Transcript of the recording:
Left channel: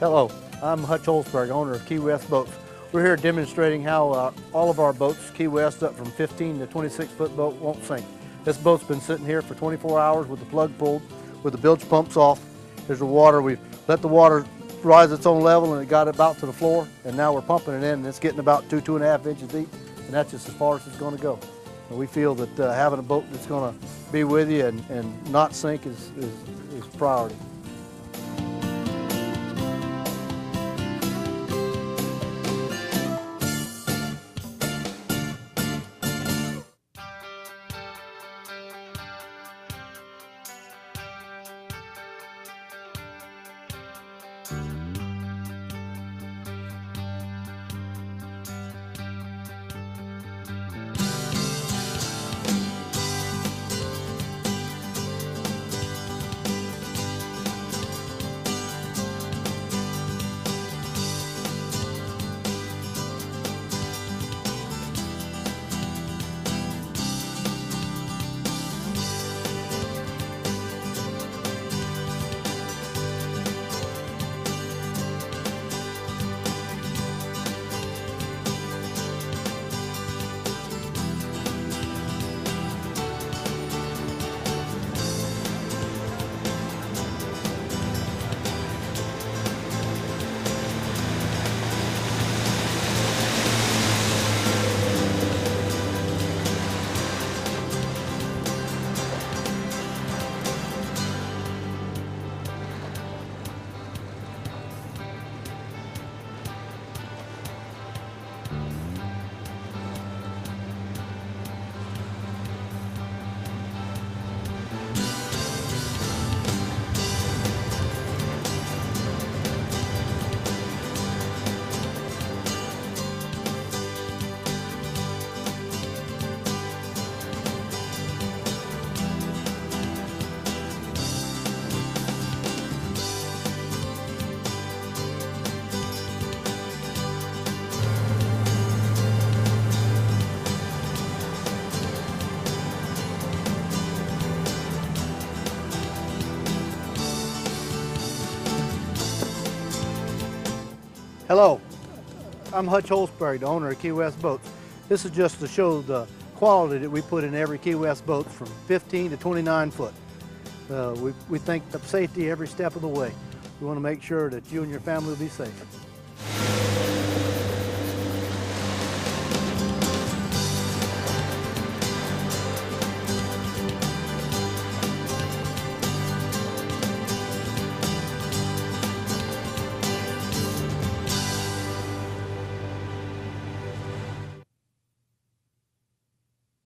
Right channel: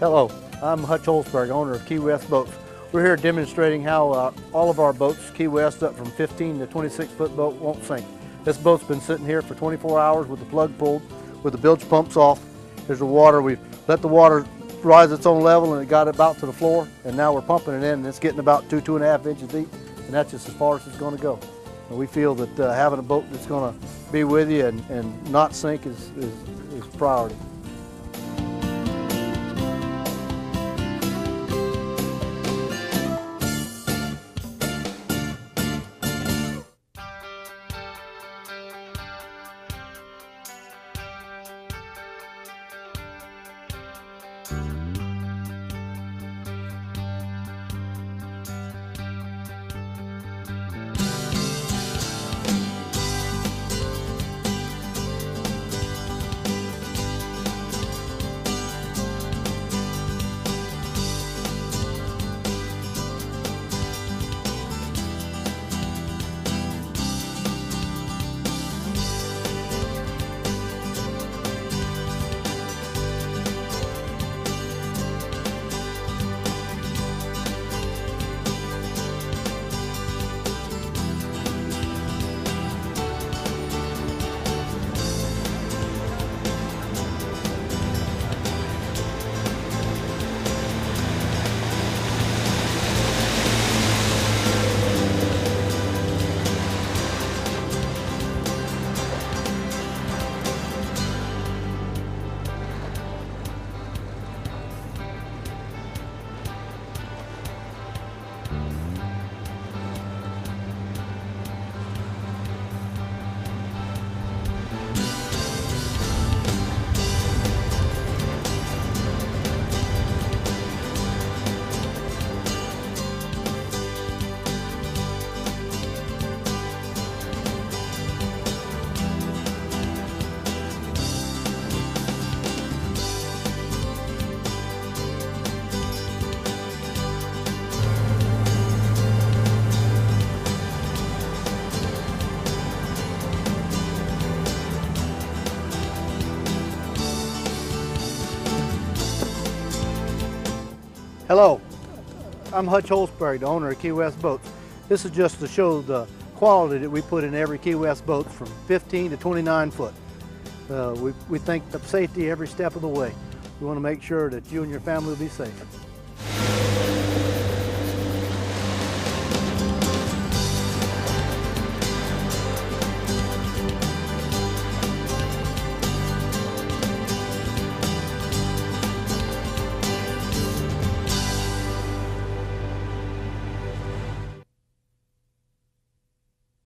Hello, I'm Hutch Holzberg, owner of Key West Boats. We're here demonstrating how all of our boats, Key West up from 15 to 26 foot boat, won't sink. This boat's been sitting here for 24 hours with the plug pulled, with the bilge pumps off. There's the water. We've let the water rise its own level and it got about to the floor, and now we're pumping it in and it's getting about 2.5 inches deep, and that's just as far as it's going to go. And we feel that having a boat that's going to be with you and not sink is priority. Hello, I'm Hutch Holzberg, the owner of Key West Boats. This is just to show the quality that we put in every Key West boat from 15 to 29 foot. We think of safety every step of the way. We want to make sure that you and your family will be safe.